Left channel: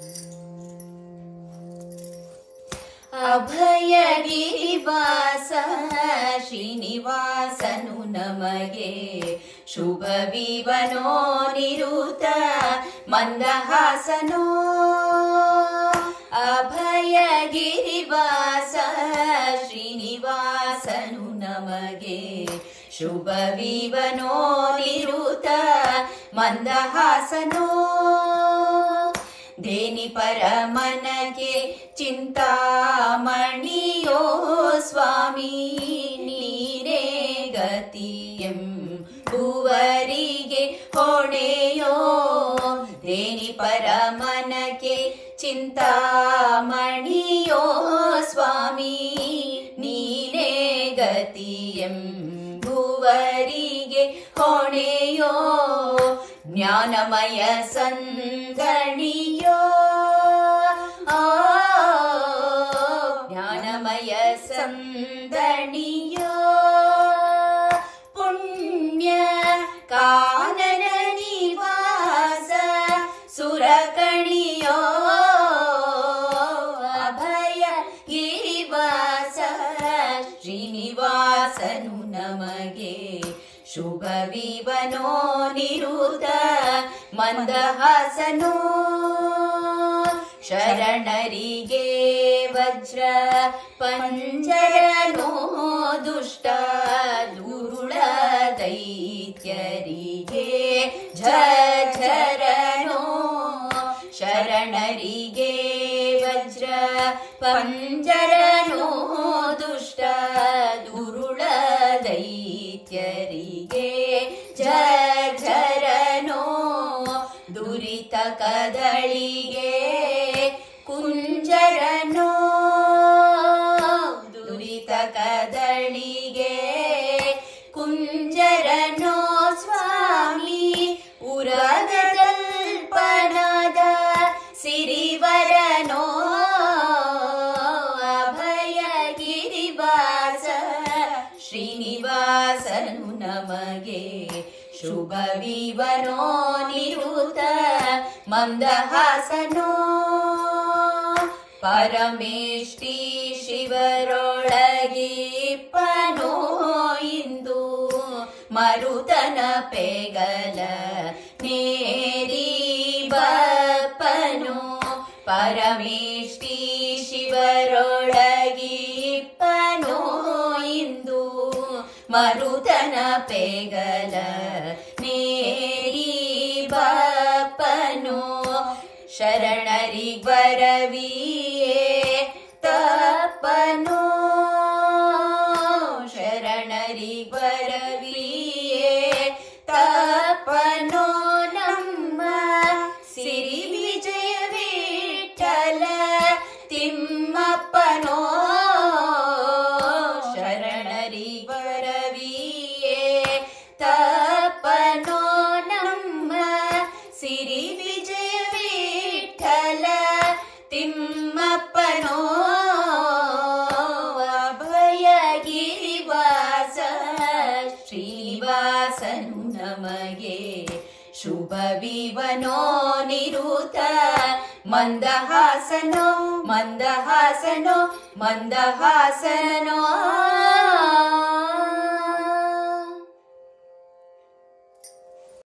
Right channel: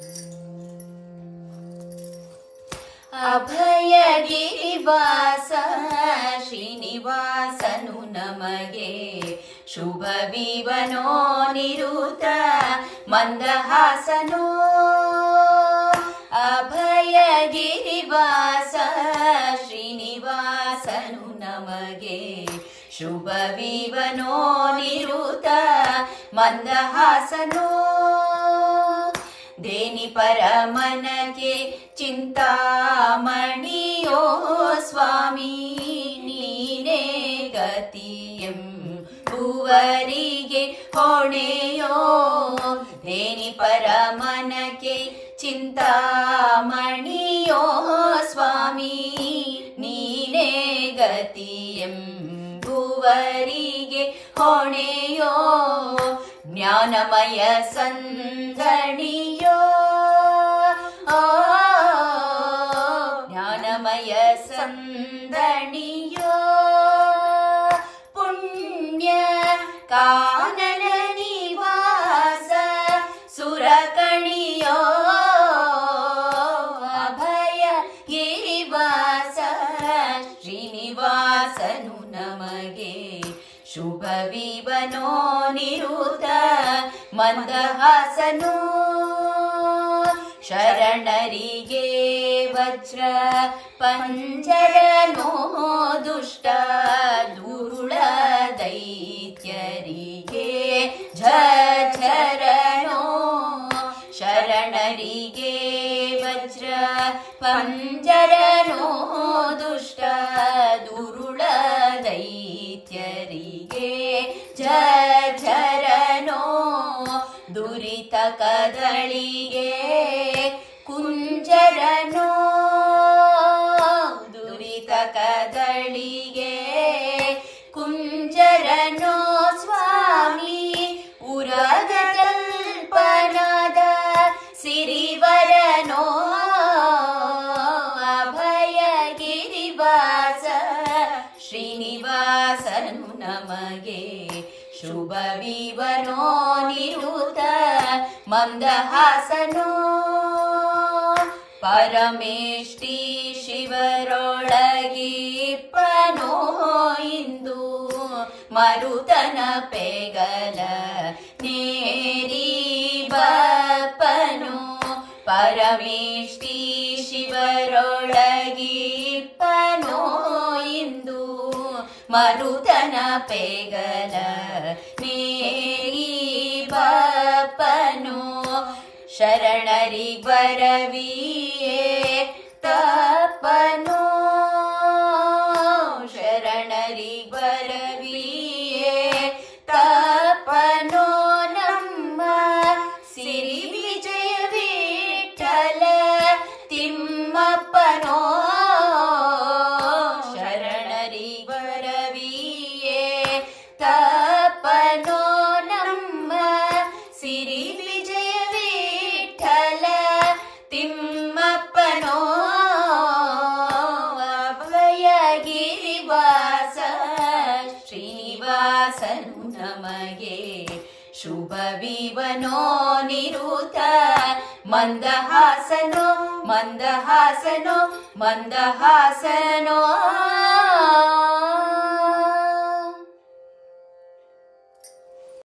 ಅಭಯಗಿರಿವಾಸ ಶ್ರೀನಿವಾಸನು ನಮಗೆ ಶುಭವಿವನೋ ನಿರುತ ಮಂದಹಾಸನೋ. ಅಭಯಗಿರಿವಾಸ ಶ್ರೀನಿವಾಸನು ನಮಗೆ ಶುಭವಿವನೋ ನಿರುತ ಮಂದಹಾಸನೋ. ದೇನಿ ಪರಮನಗೆ ಚಿಂತಾಮಣಿಯೋ ಸ್ವಾಮಿ ನೀನೇ ಗತಿಯಂ ಭುವರಿಗೆ ಹೊಣೆಯೋ. ದೇನಿ ಪರಮನಗೆ ಚಿಂತಾಮಣಿಯೋ ಸ್ವಾಮಿ ನೀನೇ ಗತಿಯಂ ಭುವರಿಗೆ ಹೊಣೆಯೋ. ಜ್ಞಾನಮಯ ಸಂದಣಿಯೋ ಜ್ಞಾನಮಯ ಸಂದಣಿಯೋ. ಪುಣ್ಯ ಕಾನನ ನಿವಾಸ ಸುರಕಣಿಯೋ. ಅಭಯ ಗಿರಿವಾಸ ಶ್ರೀನಿವಾಸನು ನಮಗೆ ಶುಭವಿವನೋ ನಿರುತ ಮಂದಹಾಸನೋ. ಶರಣರಿಗೆ ವಜ್ರ ಪಂಜರನೋ ದುಷ್ಟ ದುರುಳ ದೈತ್ಯರಿಗೆ ಝರನೋ. ಶರಣರಿಗೆ ವಜ್ರ ಪಂಜರನೋ ದುಷ್ಟ ದುರುಳ ದೈತ್ಯರಿಗೆ ಝರನೋ. ದುರಿತ ಕದಳಿಗೆ ಕುಂಜರನೋ. ದುರಿತ ಕದಳಿಗೆ ಕುಂಜರನೋ ಸ್ವಾಮಿ ಉರಗ ಕಲ್ಪನದ ಸಿರಿವರನೋ. ಅಭಯ ಗಿರಿವಾಸ ಶ್ರೀನಿವಾಸನು ನಮಗೆ ಶುಭವಿವನೋ ನಿರುತ ಮಂದಹಾಸನೋ. ಪರಮೇಷ್ಠಿ ಶಿವರೊಳಗಿಪ್ಪನೋ ಇಂದು ಮರುತನ ಪೆಗಲ ನೇರಿ ಬಪ್ಪನು. ಪರಮೇಷ್ಠಿ ಶಿವರೊಳಗಿಪ್ಪನೋ ಇಂದು ಮರುತನ ಪೆಗಲ ನೇರಿ ಬಪ್ಪನು. ಶರಣರಿ ಬರವಿಯೇ ತಪ್ಪನೋ. ಶರಣರಿ ಬರವಿಯೇ ತಪ್ಪನೋ. ನಮ್ಮ ಸಿರಿ ವಿಜಯ ವಿಠಲ ತಿಮ್ಮಪ್ಪನೋ. ಶರಣರಿ ಬರವಿಯೇ ತಪ್ಪನೋ. ನಮ್ಮ ಸಿರಿ ವಿಜಯ ವಿಠಲ ತಿಮ್ಮಪ್ಪನೋ. ಅಭಯ ಗಿರಿವಾಸ ಶ್ರೀನಿವಾಸನು ನಮಗೆ ಶುಭವಿವನೋ ನಿರುತ ಮಂದಹಾಸನೋ. ಮಂದಹಾಸನೋ ಮಂದಹಾಸನೋ.